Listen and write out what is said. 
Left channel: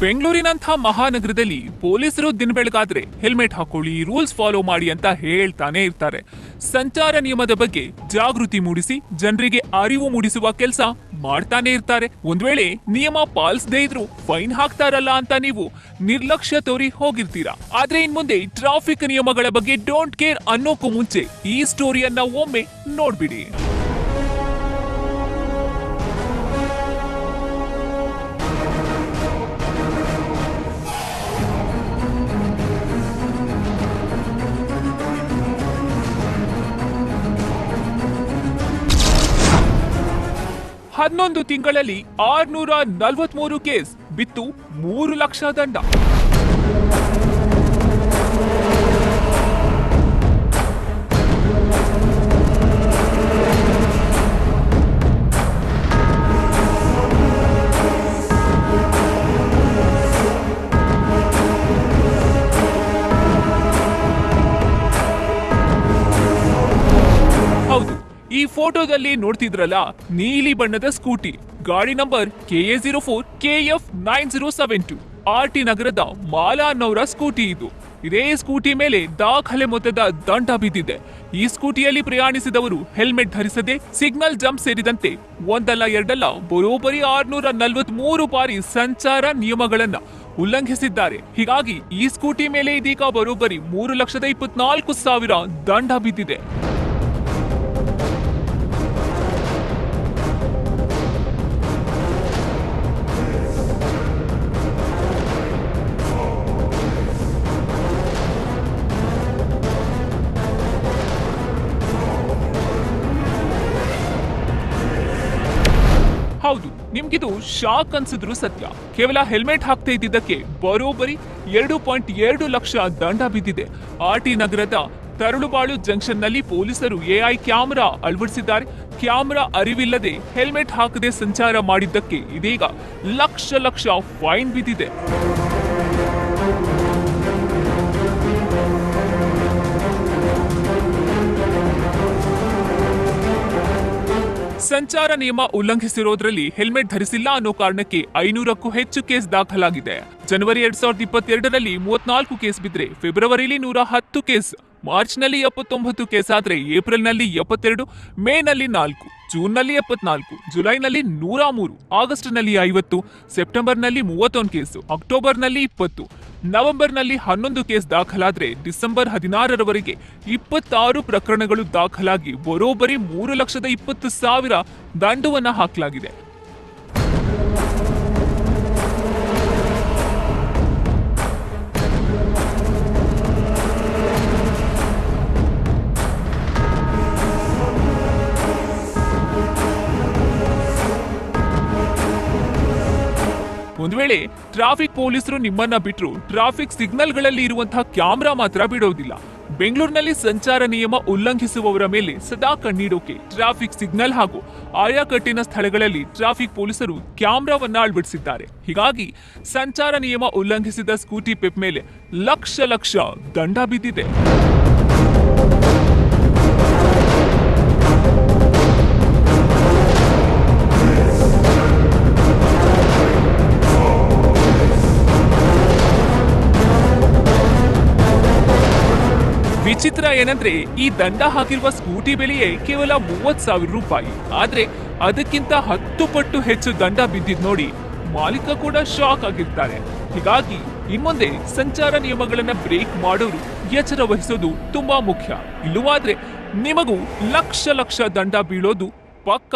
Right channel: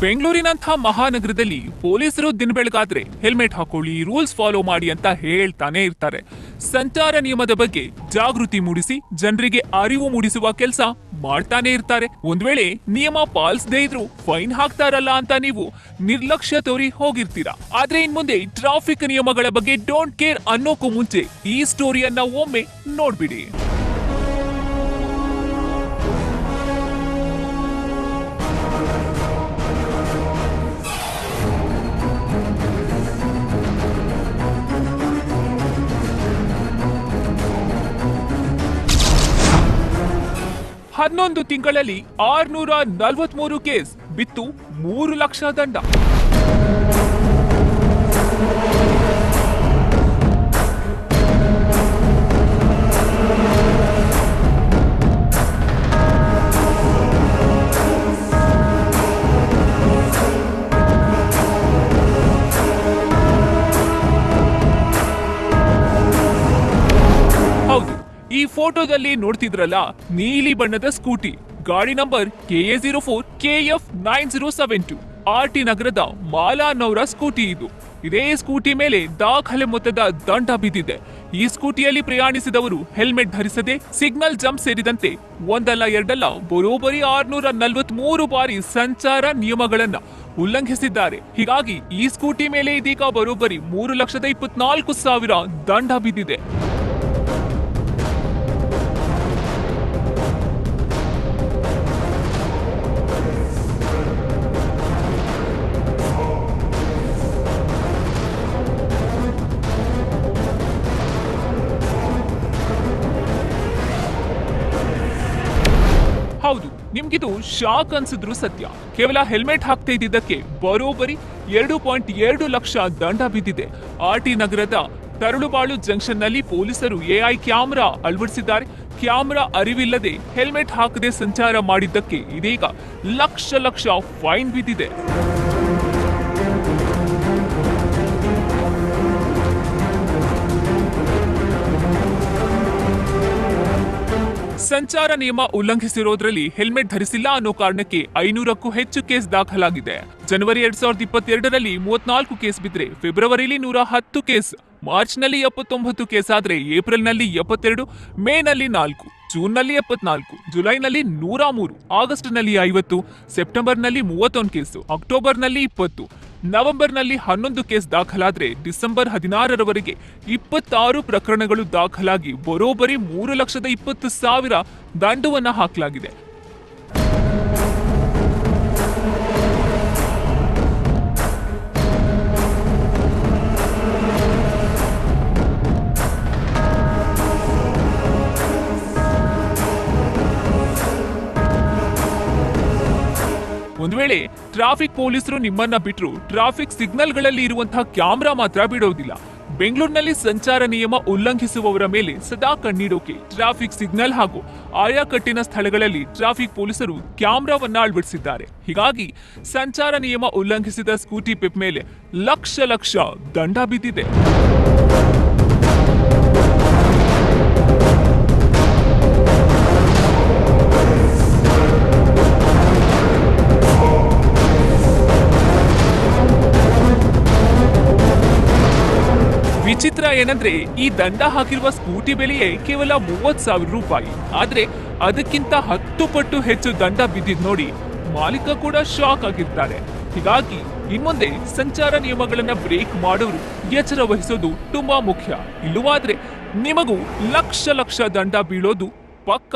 ಬೆಂಗಳೂರಿನಂಥ ಮಹಾನಗರದಲ್ಲಿ ಪೊಲೀಸರು ದಿನ ಬೆಳಗಾದ್ರೆ ಹೆಲ್ಮೆಟ್ ಹಾಕೊಳ್ಳಿ, ರೂಲ್ಸ್ ಫಾಲೋ ಮಾಡಿ ಅಂತ ಹೇಳ್ತಾನೆ ಇರ್ತಾರೆ. ಸಂಚಾರ ನಿಯಮದ ಬಗ್ಗೆ ಜಾಗೃತಿ ಮೂಡಿಸಿ, ಜನರಿಗೆ ಅರಿವು ಮೂಡಿಸುವ ಕೆಲಸ ಮಾಡ್ತಾನೆ ಇರ್ತಾರೆ. ಒಂದ್ ವೇಳೆ ನಿಯಮ ಪಾಲಿಸದೇ ಇದ್ರು ಫೈನ್ ಹಾಕ್ತಾರಲ್ಲ ಅಂತ ನೀವು ನಿರ್ಲಕ್ಷ್ಯ ತೋರಿ ಹೋಗಿರ್ತೀರಾ. ಆದ್ರೆ ಇನ್ ಮುಂದೆ ಟ್ರಾಫಿಕ್ ನಿಯಮಗಳ ಬಗ್ಗೆ ಡೋಂಟ್ ಕೇರ್ ಅನ್ನೋಕ್ಕೂ ಮುಂಚೆ ಈ ಸ್ಟೋರಿಯನ್ನ ಒಮ್ಮೆ ನೋಡ್ಬಿಡಿ. ಹನ್ನೊಂದು ತಿಂಗಳಲ್ಲಿ ಆರ್ನೂರ ನಲವತ್ಮೂರು ಕೇಸ್ ಬಿತ್ತು ಮೂರು ಲಕ್ಷ ದಂಡ. ಈ ಫೋಟೋದಲ್ಲಿ ನೋಡ್ತಿದ್ರಲ್ಲ, ನೀಲಿ ಬಣ್ಣದ ಸ್ಕೂಟಿ. ಗಾಡಿ number K A zero four, K F nine zero seven two. R T ನಗರದ ಮಾಲಾ ಅನ್ನೋರ ಸ್ಕೂಟಿ ಇದು. ಇದೇ ಸ್ಕೂಟಿ ಮೇಲೆ ದಾಖಲೆ ಮೊತ್ತದ ದಂಡ ಬಿದ್ದಿದೆ. ಈ ಸ್ಕೂಟಿಯಲ್ಲಿ ಪ್ರಯಾಣಿಸಿದವರು ಹೆಲ್ಮೆಟ್ ಧರಿಸದೆ ಸಿಗ್ನಲ್ ಜಂಪ್ ಸೇರಿದಂತೆ ಒಂದಲ್ಲ ಎರಡಲ್ಲ ಬರೋಬ್ಬರಿ ಆರ್ನೂರ ನಲವತ್ತ್ ಮೂರು ಬಾರಿ ಸಂಚಾರ ನಿಯಮಗಳನ್ನ ಉಲ್ಲಂಘಿಸಿದ್ದಾರೆ. ಹೀಗಾಗಿ ಈ ಸ್ಕೂಟಿ ಮೇಲೆ ಇದೀಗ ಬರೋಬ್ಬರಿ ಮೂರು ಲಕ್ಷದ ಇಪ್ಪತ್ನಾಲ್ಕು ಸಾವಿರ ದಂಡ ಬಿದ್ದಿದೆ. ನಿಮ್ಗಿದು ಶಾಕ್ ಅನ್ಸಿದ್ರು ಸತ್ಯ. ಕೇವಲ ಹೆಲ್ಮೆಟ್ ಹಾಕ್ತಾ ಇದ್ದಿದ್ದಕ್ಕೆ ಬರೋಬ್ಬರಿ ಎರಡು ಪಾಯಿಂಟ್ ಎರಡು ಲಕ್ಷ ದಂಡ ಬಿದ್ದಿದೆ. ಆರ್ ಟಿ ನಗರದ ತರಳುಬಾಳು ಜಂಕ್ಷನ್ನಲ್ಲಿ ಪೊಲೀಸರು ಎಐ ಕ್ಯಾಮೆರಾ ಅಳವಡಿಸಿದ್ದಾರೆ. ಕ್ಯಾಮೆರಾ ಅರಿವಿಲ್ಲದೆ ಹೆಲ್ಮೆಟ್ ಹಾಕದೆ ಸಂಚಾರ ಮಾಡಿದ್ದಕ್ಕೆ ಇದೀಗ ಲಕ್ಷ ಲಕ್ಷ ಫೈನ್ ಬಿದ್ದಿದೆ. ಸಂಚಾರ ನಿಯಮ ಉಲ್ಲಂಘಿಸಿರೋದ್ರಲ್ಲಿ ಹೆಲ್ಮೆಟ್ ಧರಿಸಿಲ್ಲ ಅನ್ನೋ ಕಾರಣಕ್ಕೆ ಐನೂರಕ್ಕೂ ಹೆಚ್ಚು ಕೇಸ್ ದಾಖಲಾಗಿದೆ. ಜನವರಿ ಎರಡ್ ಸಾವಿರದ ಇಪ್ಪತ್ತೆರಡರಲ್ಲಿ ಮೂವತ್ನಾಲ್ಕು ಕೇಸ್ ಬಿದ್ರೆ ಫೆಬ್ರವರಿಲಿ ನೂರ ಹತ್ತು ಕೇಸ್. ಮಾರ್ಚ್ನಲ್ಲಿ ಎಪ್ಪತ್ತೊಂಬತ್ತು ಕೇಸ್ ಆದ್ರೆ ಏಪ್ರಿಲ್ನಲ್ಲಿ ಎಪ್ಪತ್ತೆರಡು ಮೇ ನಲ್ಲಿ ನಾಲ್ಕು ಜೂನ್ನಲ್ಲಿ ಎಪ್ಪತ್ನಾಲ್ಕು, ಜುಲೈನಲ್ಲಿ ನೂರ ಮೂರು ಆಗಸ್ಟ್ನಲ್ಲಿ ಐವತ್ತು ಸೆಪ್ಟೆಂಬರ್ನಲ್ಲಿ ಮೂವತ್ತೊಂದು ಕೇಸು ಅಕ್ಟೋಬರ್ನಲ್ಲಿ ಇಪ್ಪತ್ತು ನವೆಂಬರ್ನಲ್ಲಿ ಹನ್ನೊಂದು ಕೇಸ್ ದಾಖಲಾದ್ರೆ ಡಿಸೆಂಬರ್ ಹದಿನಾರರವರೆಗೆ ಇಪ್ಪತ್ತಾರು ಪ್ರಕರಣಗಳು ದಾಖಲಾಗಿ ಬರೋಬ್ಬರಿ ಮೂರು ಲಕ್ಷದ ಇಪ್ಪತ್ತು ಸಾವಿರ ದಂಡವನ್ನು ಹಾಕಲಾಗಿದೆ. ವೇಳೆ ಟ್ರಾಫಿಕ್ ಪೊಲೀಸರು ನಿಮ್ಮನ್ನ ಬಿಟ್ರು ಟ್ರಾಫಿಕ್ ಸಿಗ್ನಲ್ಗಳಲ್ಲಿ ಇರುವಂತಹ ಕ್ಯಾಮೆರಾ ಮಾತ್ರ ಬಿಡೋದಿಲ್ಲ. ಬೆಂಗಳೂರಿನಲ್ಲಿ ಸಂಚಾರ ನಿಯಮ ಉಲ್ಲಂಘಿಸುವವರ ಮೇಲೆ ಸದಾ ಕಣ್ಣಿಡೋಕೆ ಟ್ರಾಫಿಕ್ ಸಿಗ್ನಲ್ ಹಾಗೂ ಆಯಾ ಕಟ್ಟಿನ ಸ್ಥಳಗಳಲ್ಲಿ ಟ್ರಾಫಿಕ್ ಪೊಲೀಸರು ಕ್ಯಾಮ್ರಾವನ್ನ ಅಳವಡಿಸಿದ್ದಾರೆ. ಹೀಗಾಗಿ ಸಂಚಾರ ನಿಯಮ ಉಲ್ಲಂಘಿಸಿದ ಸ್ಕೂಟಿ ಪೆಪ್ ಮೇಲೆ ಲಕ್ಷ ಲಕ್ಷ ದಂಡ ಬಿದ್ದಿದೆ. ಏನಂದ್ರೆ, ಈ ದಂಡ ಹಾಕಿರುವ ಸ್ಕೂಟಿ ಬೆಲೆಯೇ ಕೇವಲ ಮೂವತ್ ಸಾವಿರ ರೂಪಾಯಿ. ಆದ್ರೆ, ಅದಕ್ಕಿಂತ ಹತ್ತು ಪಟ್ಟು ಹೆಚ್ಚು ದಂಡ ಬಿದ್ದಿದ್ ನೋಡಿ ಮಾಲೀಕ ಕೂಡ ಶಾಕ್ ಆಗಿರ್ತಾರೆ. ಹೀಗಾಗಿ ಇನ್ಮುಂದೆ ಸಂಚಾರ ನಿಯಮಗಳನ್ನ ಬ್ರೇಕ್ ಮಾಡೋರು ಎಚ್ಚರ ವಹಿಸೋದು ತುಂಬಾ ಮುಖ್ಯ. ಇಲ್ಲವಾದ್ರೆ ನಿಮಗೂ ಲಕ್ಷ ಲಕ್ಷ ದಂಡ ಬೀಳೋದು ಪಕ್ಕ.